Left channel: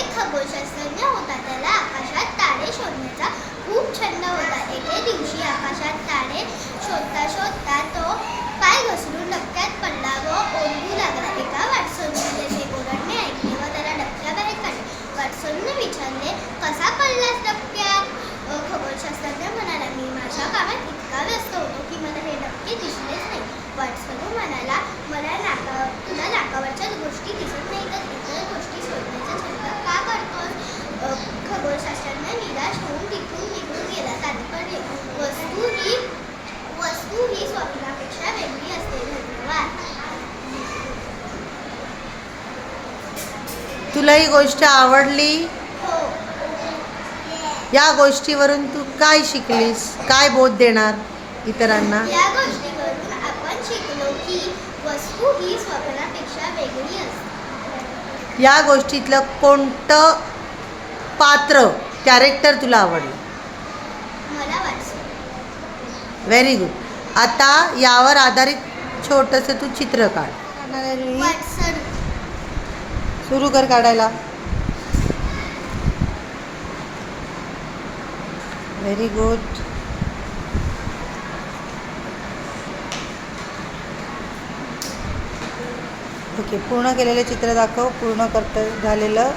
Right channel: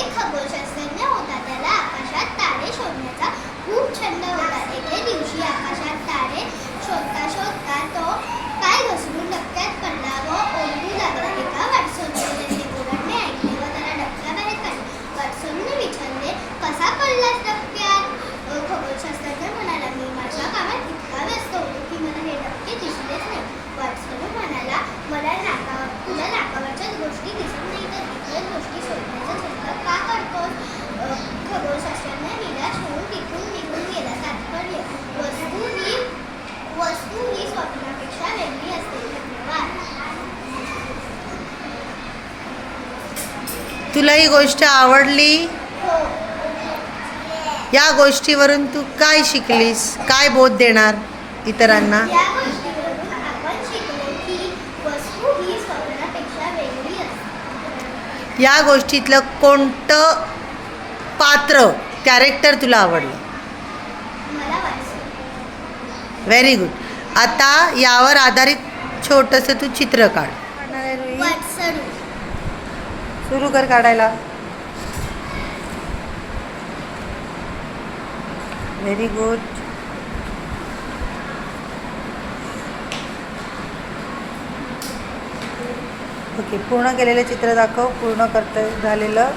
e, तुला ही गोष्ट आवडली? या गोष्टीवरून तू काय शिकलीस? काय बोध देणार इतरांना? या गोष्टीतलं कोणतं पात्र कॅरेक्टर तुला आवडलं? व्हेरी गुड आता यावर आधारित छोटंसं तू चित्र काढ. सुरू कर काढायला. व्हेरी गुड ओके पूर्ण केलेलं चित्र दाखव. पूर्ण करता झालेलं